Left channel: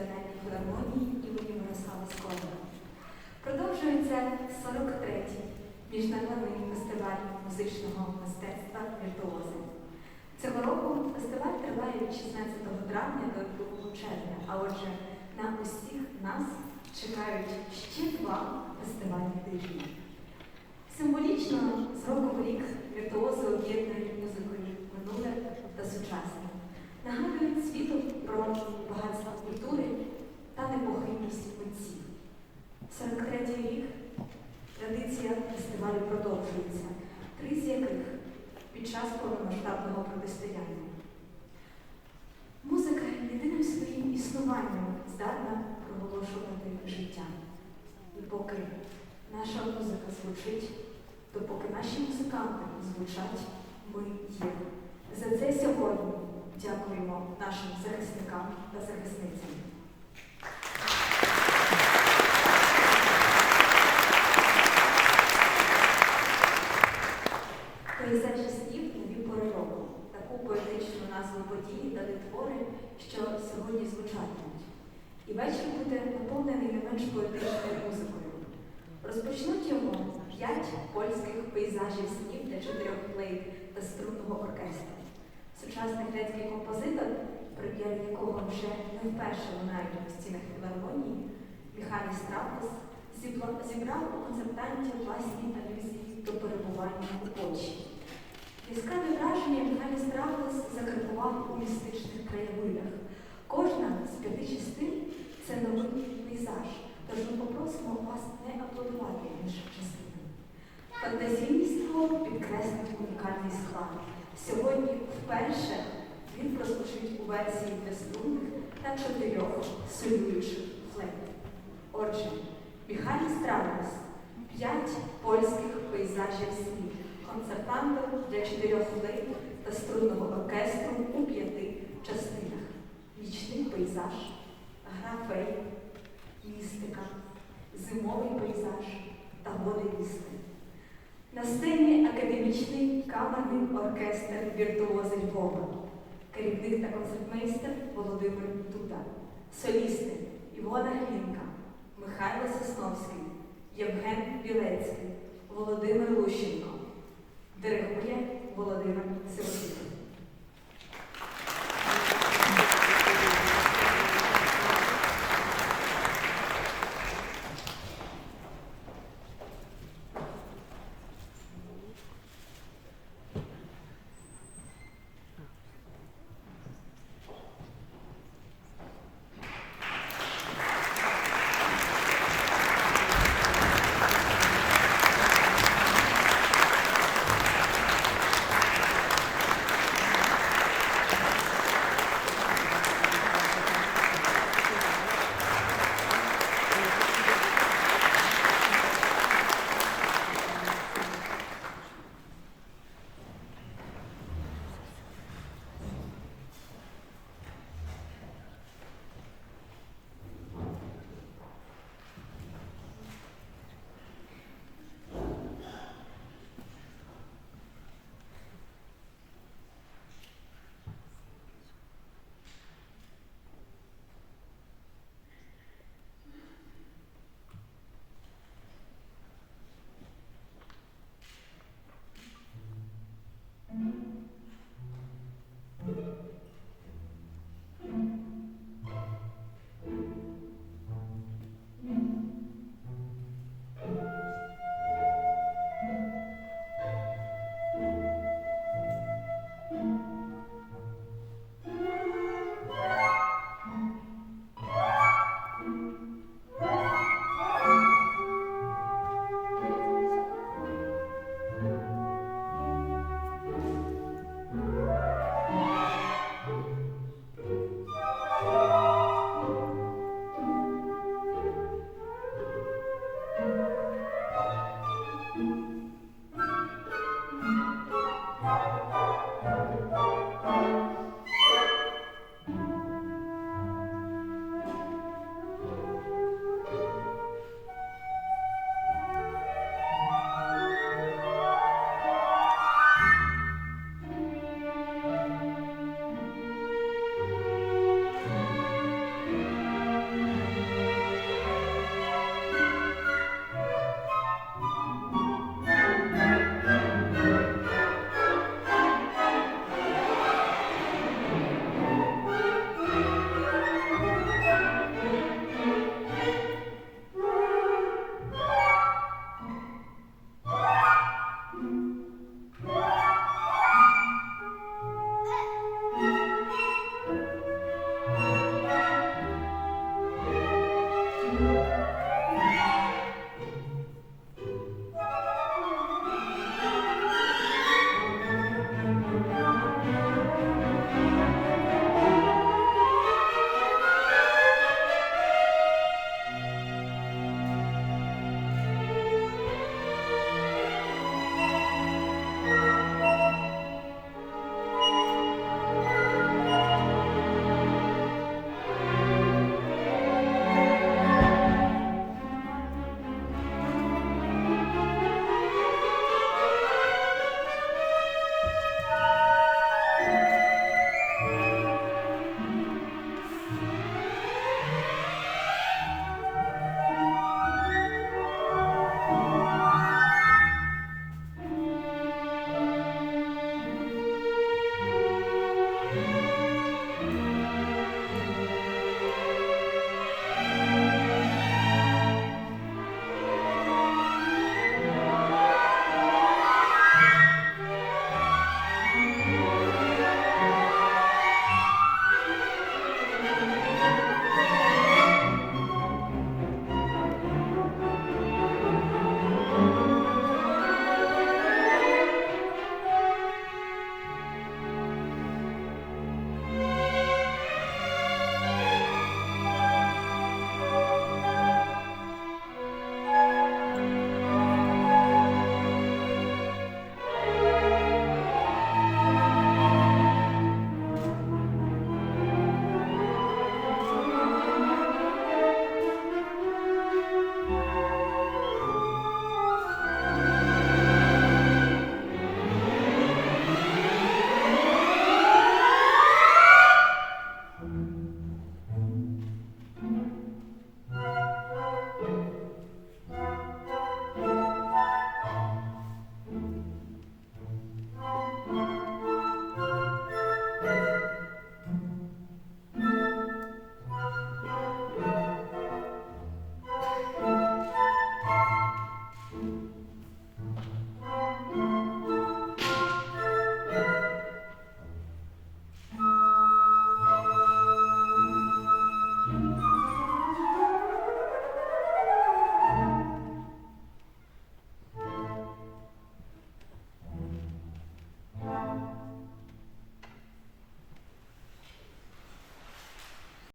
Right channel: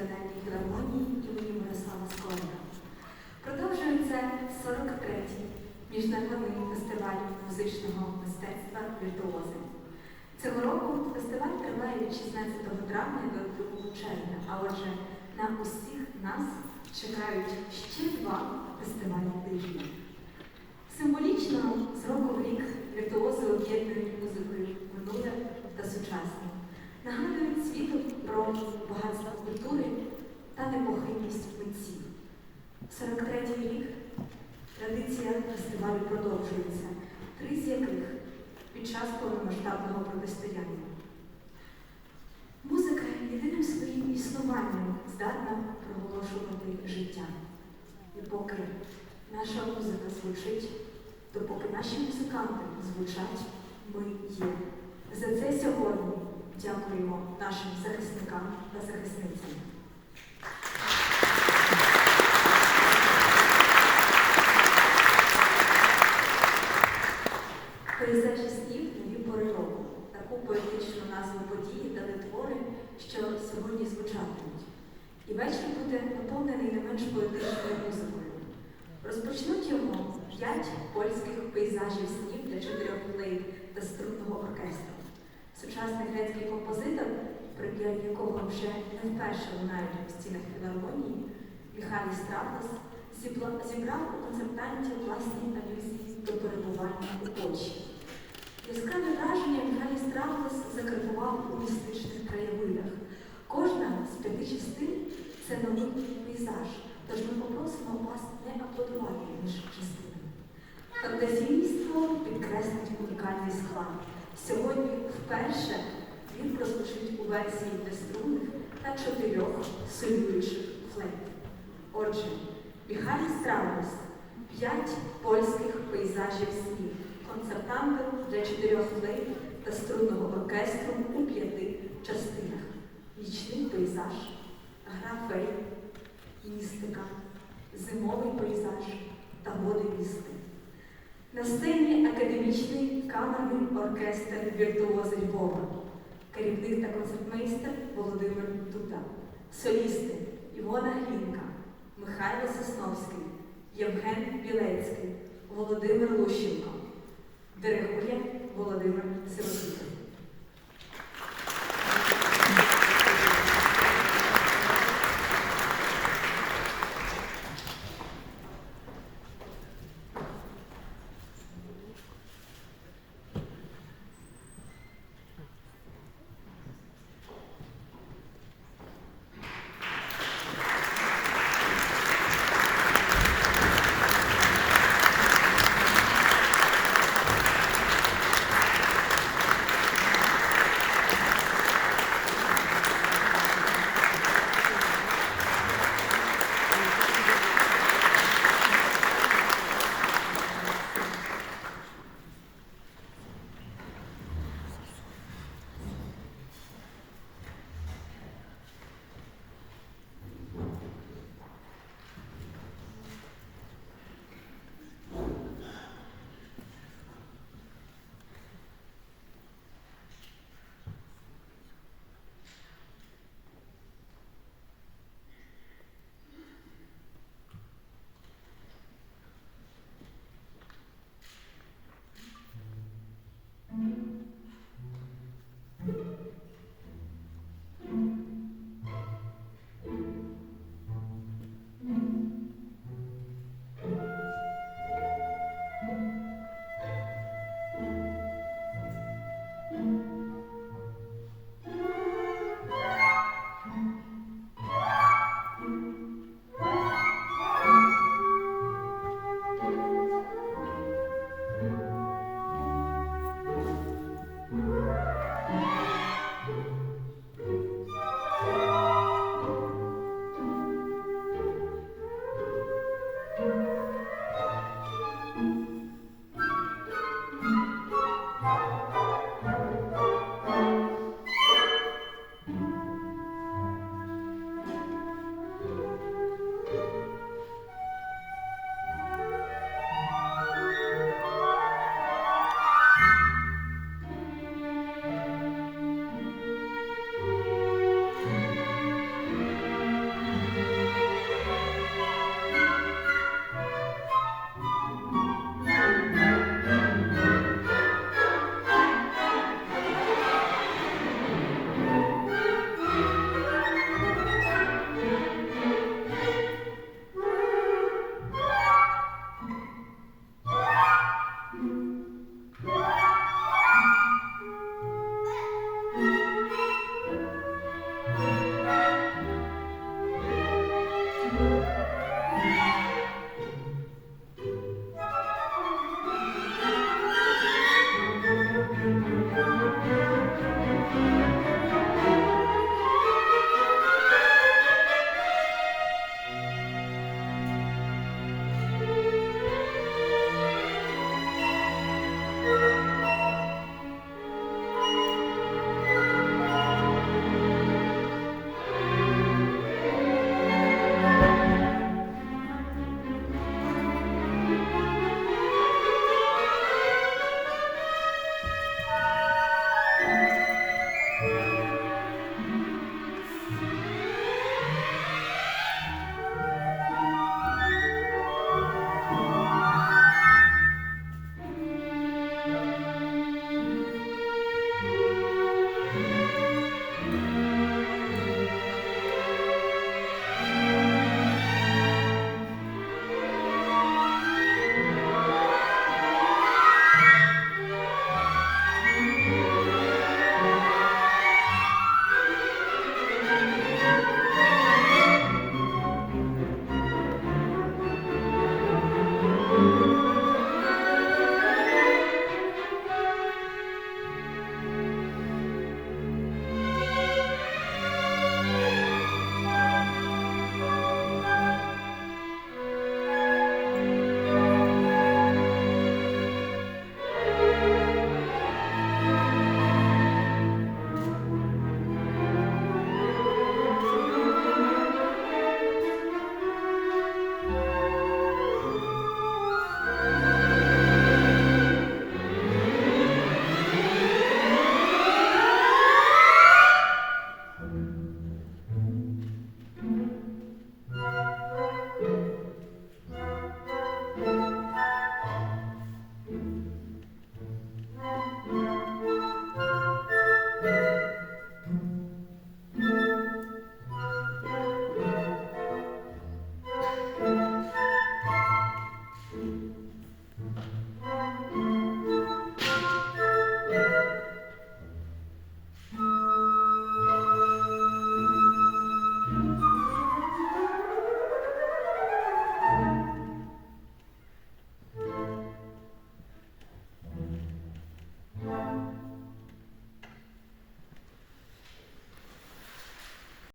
Національній філармонії імені Мирослава Скорика. Продовжується 43-й міжнародний фестиваль музичного мистецтва «Віртуози». Цього року фестиваль триває від 16 травня до 2 червня, а отже, на усіх нас чекають ще два фестивальні тижні. Символічно з року в рік віртуози об'єднують музикою минуле та сучасне, нагадують світу про непохитність митців. 43-й рік традиція фестивалю продовжується, три з яких під час повномасштабного протистояння. Музика єдиним своїм існуванням здатна проголошувати життя. І поки наша музика звучить, то поки наші музиканти звучать, ми є. За це сьогодні дякуємо нашим захисникам та захисницям. Наповнений поетичною музикою. Розпочнуть йому п'ять польських пейзажів снів для чотирьох флейт та струнного оркестру. Сучасний грецький композитор, прем'єр якого вже не вперше лунають у стінах філармонії, Міхалій Стравлес, зібрав у концертанті власні алюзії до перебування у Польщі. Яскраве враження Міхалій Стравлес закарбував у містичних краєвидах. Кожна з п'яти частин це новий пейзаж, тож ми попросимо вас не аплодувати між частинами. Фантазійство підкреслить унікальний склад. Сьогодні вперше він прозвучить у версії для струнних та чотирьох солюючих флейт. Отже, Міхалій Стравлес, п'ять польських пейзажів снів, концертантом для чотирьох флейт та струнного оркестру у п'яти частинах. Нічний пейзаж, гра фей, містика, зимовий пейзаж та води вісни. На сцені академічний камерний оркестр віртуози Львова, керівник та концертмейстер Володимир Дуда, солісти Івона Глінка, Михайло Сосновський, Євген Білецький, Володимир Лущенко, диригує Володимир Сиротюк.